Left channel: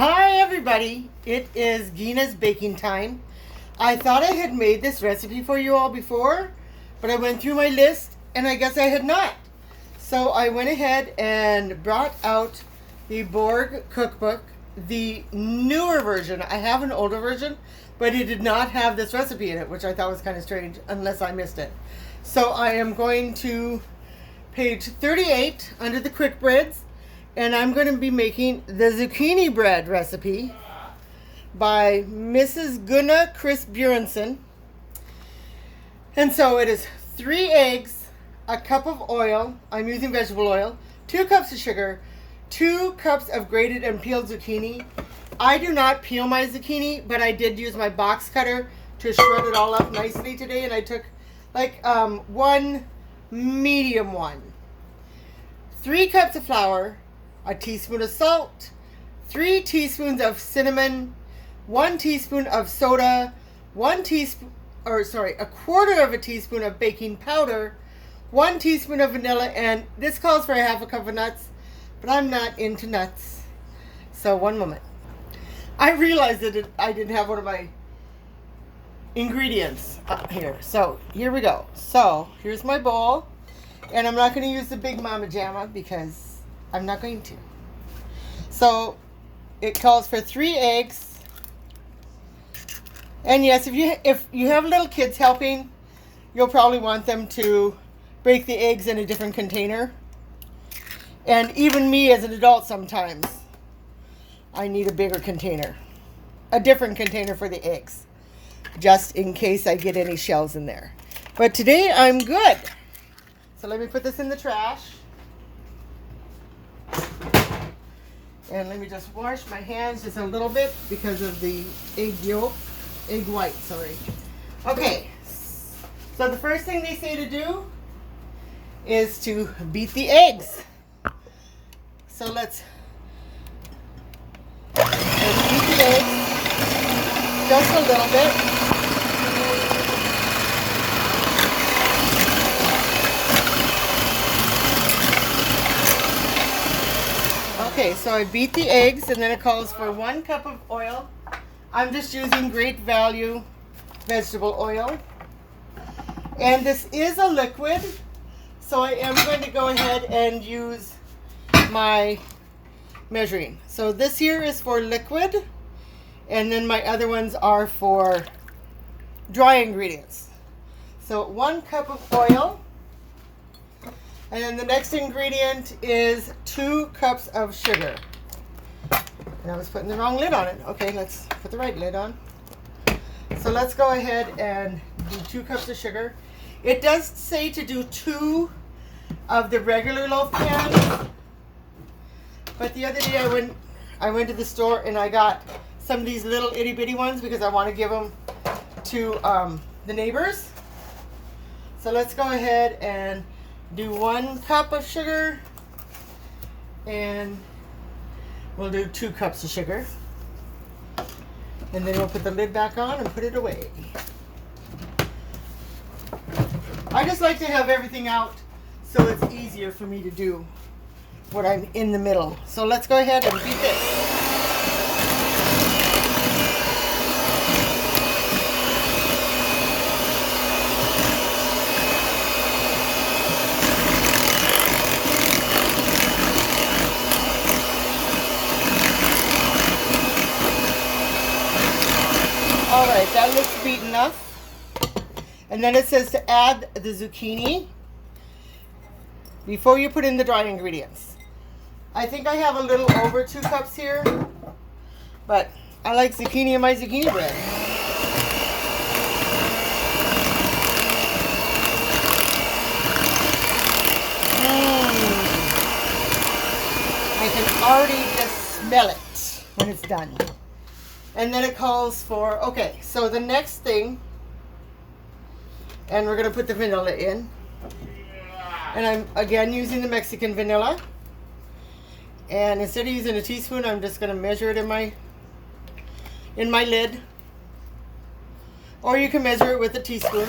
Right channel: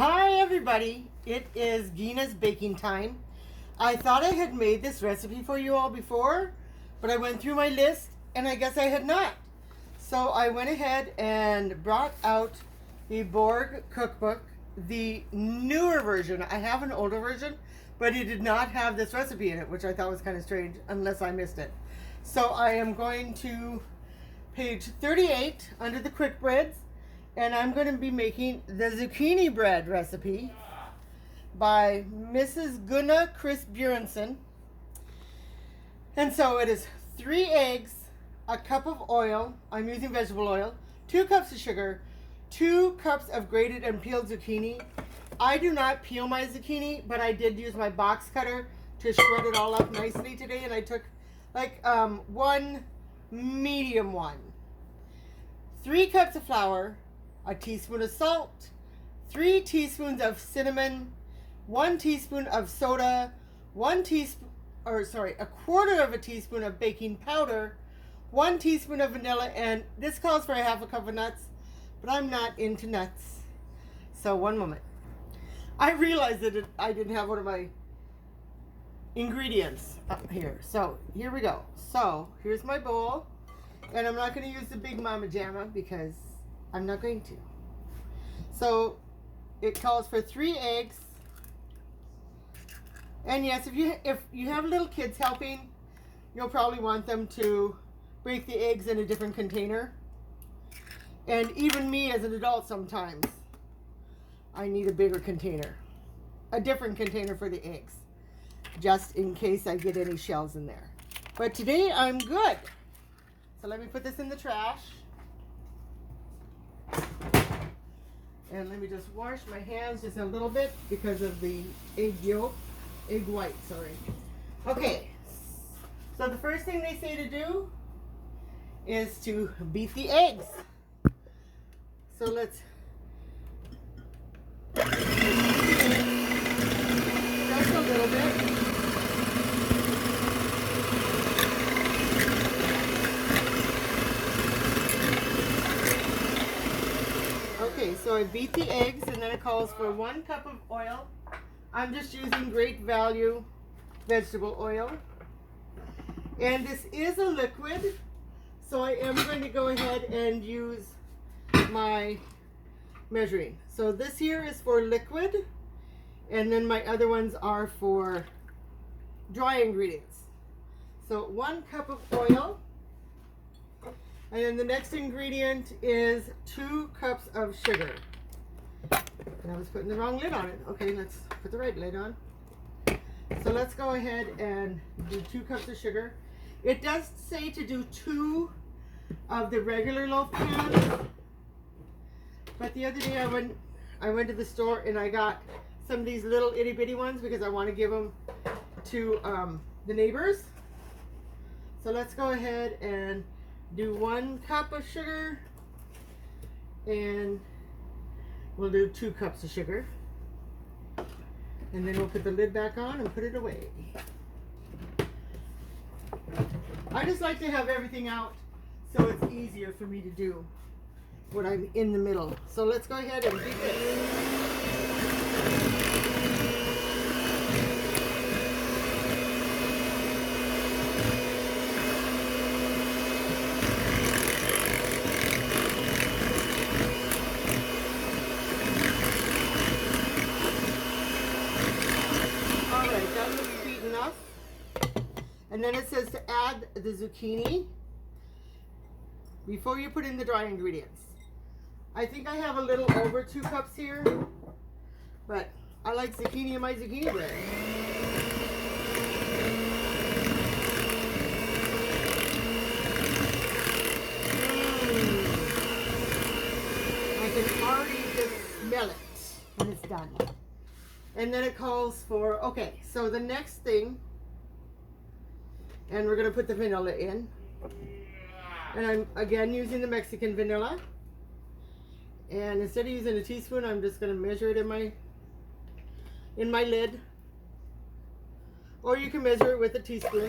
Hi everybody, it is Guna's baking time. I thought I had made this recipe for you all before, but I went through my list and I guess I had not. So I went ahead and brought out the Borg cookbook, the newer version. I have an older version, but it did not have this recipe in it, which I thought was kind of strange unless I missed it. So I am going to page 38 under the quick breads. And I'm going to be making the zucchini bread recipe by Mrs. Guna Bjornson. And so it is 3 eggs, a cup of oil, I'm using vegetable oil, 2 cups of sugar, 2 cups of grated and peeled zucchini. I do not peel my zucchini, but I did use my box cutter to shred it all up nicely today. And I took like one medium one. 3 cups of flour, a teaspoon of salt, 3 teaspoons of cinnamon, 1 teaspoon of soda, a quarter of a teaspoon of baking powder, 1 teaspoon of vanilla, and this calls for a half a cup of nuts, but I'm not into nuts. So one moment. I realized that I didn't have one of my ingredients here. So here we go. So here's my bowl, and I'm not going to use the big mama jamma because I'm not going to. So it calls for 3 eggs. And yes, if you have little kids helping, you'll probably want them to break the eggs in a different container. And even me as an adult sometimes, I need a bigger container. A different container for the eggs, just in case I get any shells in there. But today I'm good. So let me put this in the trash. And let me just wash my hands just a little bit because of the egg white, sorry. Okay, so the first thing they say to do is to beat the eggs. So let's beat the eggs just a little bit. Okay, so I beat the eggs, and then it calls for 1 cup of oil. I'm just using Great Value vegetable oil. And this is a liquid, so I am going to go ahead and use my measuring. So this here is for liquid, and then my other ones are for dry ingredients. So 1 cup of oil. And then the next ingredient is 2 cups of sugar. And I was putting the wrong lid on it. Okay, let's put the right lid on. So let's go ahead and do 2 cups of sugar. It does say to do 2 of the regular loaf pans. But the other day I went to the store and I got some of these little itty bitty ones because I want to give them to the neighbors. So let's go ahead and do 1 cup of sugar, and we'll do 2 cups of sugar, and then we'll put the lid back on and put it away. I just like to have everything out so it's easier for me to do what I'm in the middle. So let's go ahead and beat this. Alright, that looks beat enough. And then it says to add the zucchini before you put in the dry ingredients. I think I have a little over 2 cups here, but I like zucchini in my zucchini bread. I can already just smell it when it's done. And then it calls for, okay, so the next thing, and we're going to put the vanilla in. And I'm again using the Mexican vanilla. And instead of using a teaspoon, I'm just going to measure it in my lid. Or you can measure it with a teaspoon.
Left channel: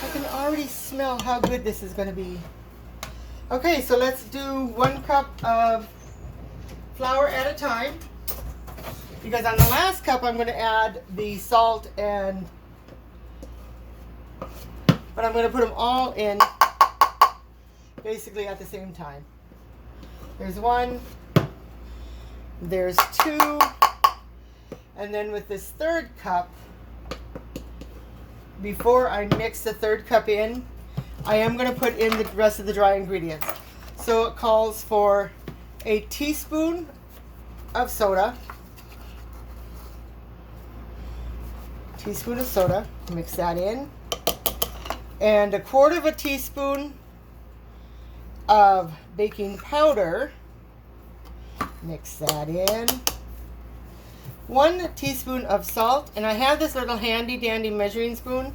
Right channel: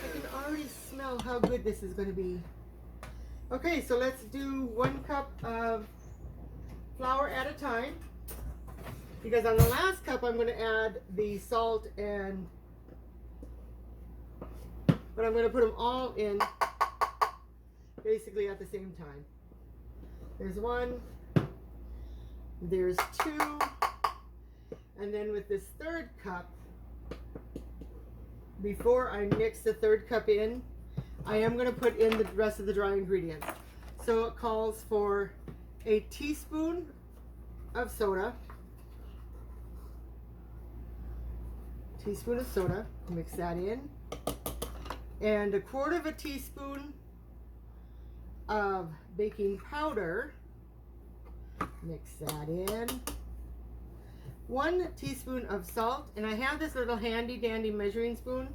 I can already smell how good this is going to be. Okay, so let's do 1 cup of flour at a time, because on the last cup I'm going to add the salt and, but I'm going to put them all in basically at the same time. There's 1, there's 2, and then with this 3rd cup, before I mix the 3rd cup in, I am going to put in the rest of the dry ingredients. So it calls for a teaspoon of soda, mix that in, and 1/4 teaspoon of baking powder, mix that in, 1 teaspoon of salt, and I have this little handy dandy measuring spoon.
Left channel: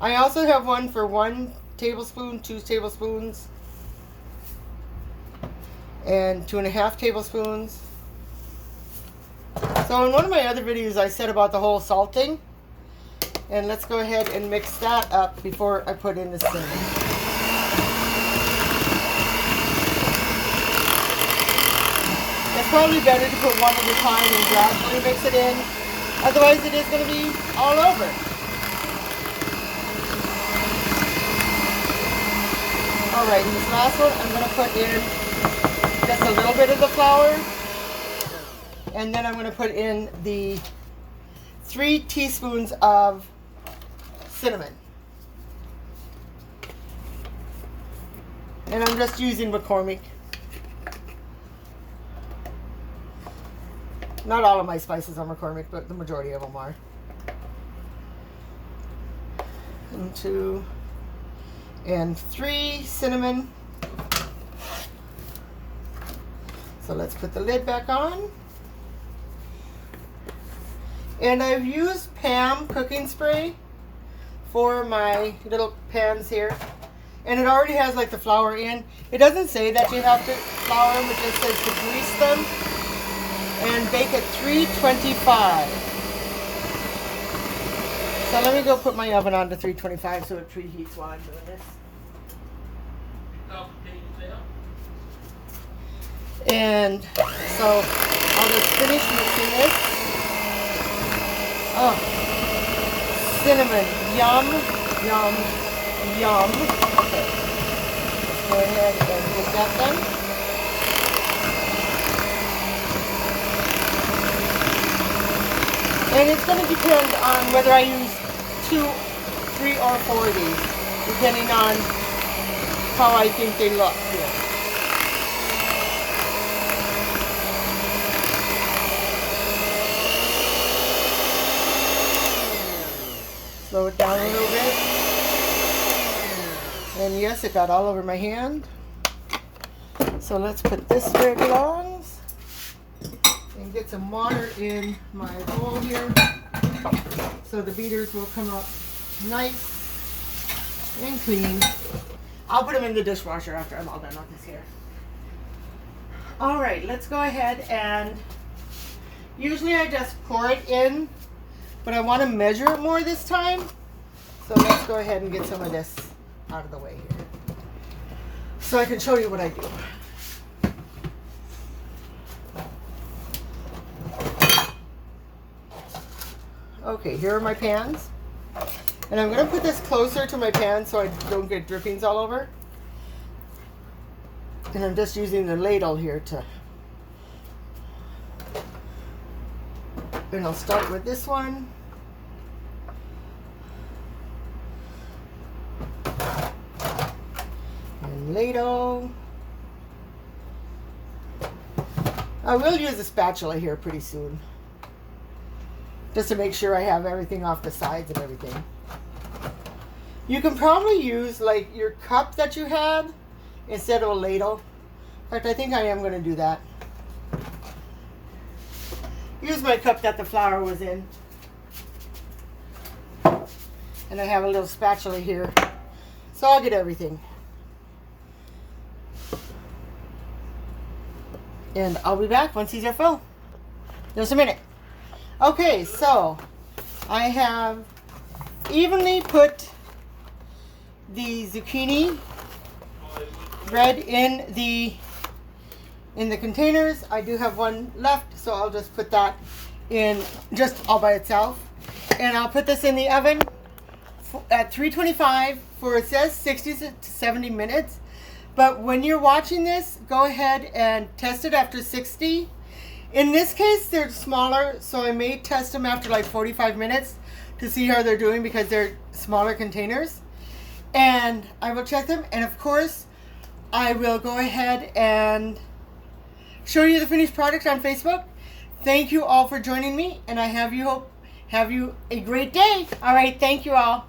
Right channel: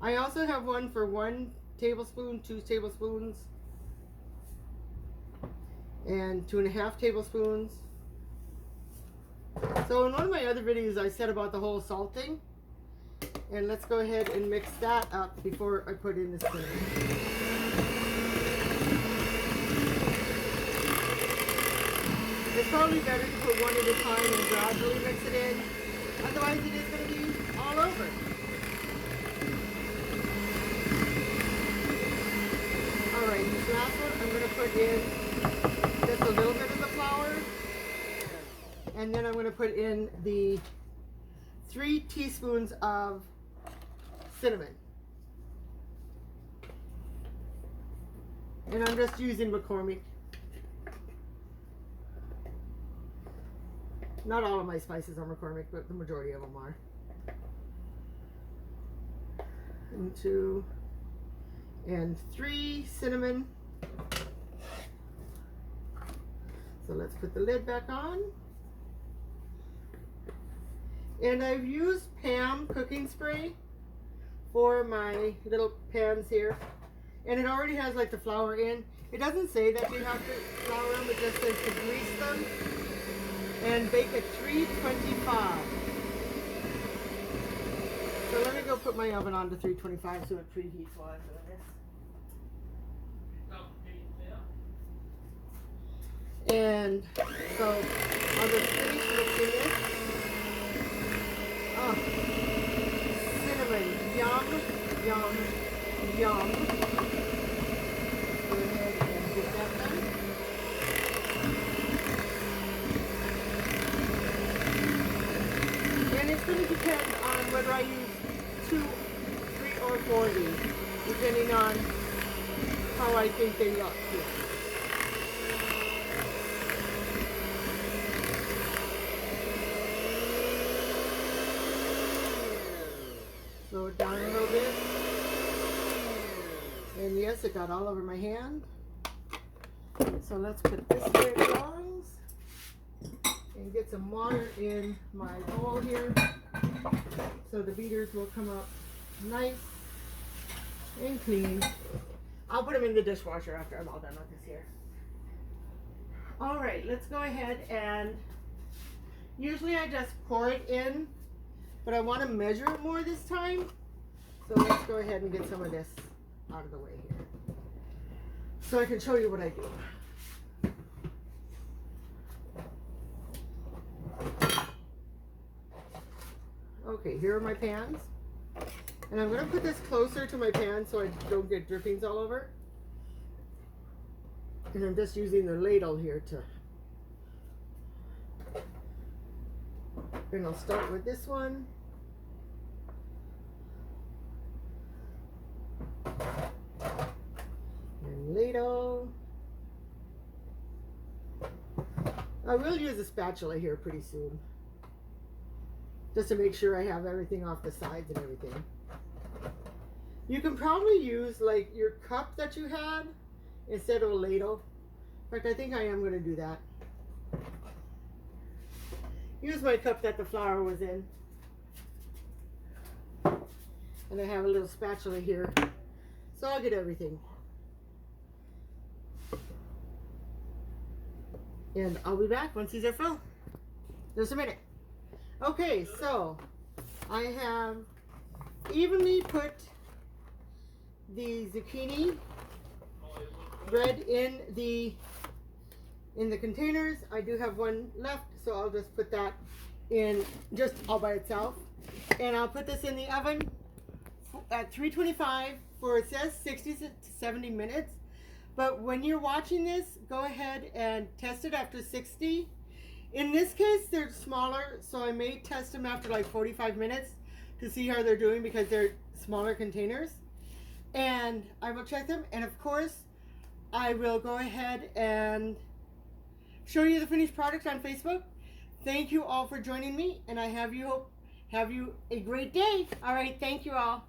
I also have one for 1 tablespoon, 2 tablespoons, and 2.5 tablespoons. So in one of my other videos I said about the whole salt thing, and let's go ahead and mix that up before I put in the cinnamon. It's probably better to put 1 at a time and gradually mix it in, otherwise it is going to be all over. Alright, this last one I'm going to put in just a little bit of the flour, and then I'm going to put in the 3 teaspoons of cinnamon. And I'm just using McCormick. Not all of my spices are McCormick, but the majority of them are. And 2 and 3 cinnamon. So let's put the lid back on. And I've used Pam cooking spray for my little pans here. And it already has like the flour in. It doesn't say that you have to flour them, it just says to grease them. And bake at 325. So let me go put my oven on to 325 so it preheats while I'm doing this. And so I'll just finish mixing this. Oh, cinnamon, yum, yum, yum. Okay, let's go ahead and get that done. And it's going to depend on whether I use 2, 3, or 4 of these, depending on how I think they look here. Slow it down a little bit. And yes, it got all over my hand. So let's put this where it belongs. And get some water in my bowl here so the beaters will come up nice and clean. I'll put them in the dishwasher after I'm all done with this here. Alright, let's go ahead and usually I just pour it in, but I want to measure it more this time. So let's go ahead and get some of this out of the way here so I can show you what I do. Okay, here are my pans. And I'm going to put this closer to my pan so I don't get drippings all over. And I'm just using the ladle here to... And I'll start with this one. And ladle. I will use a spatula here pretty soon, just to make sure I have everything off the sides and everything. You can probably use like your cup that you had instead of a ladle. In fact, I think I am going to do that. Use my cup that the flour was in. And I have a little spatula here. So I'll get everything. And I'll be back once these are full. Just a minute. Okay, so I have evenly put the zucchini bread in the containers. I do have one left, so I'll just put that in just all by itself. And I'll put this in the oven at 325 for, it says 60 to 70 minutes. But when you're watching this, go ahead and test it after 60. In this case, they're smaller, so I may test them after like 45 minutes to see how they're doing because they're smaller containers. And I will check them, and of course, I will go ahead and show you the finished product on Facebook. Thank you all for joining me, and I have you a great day. All right, thank you all.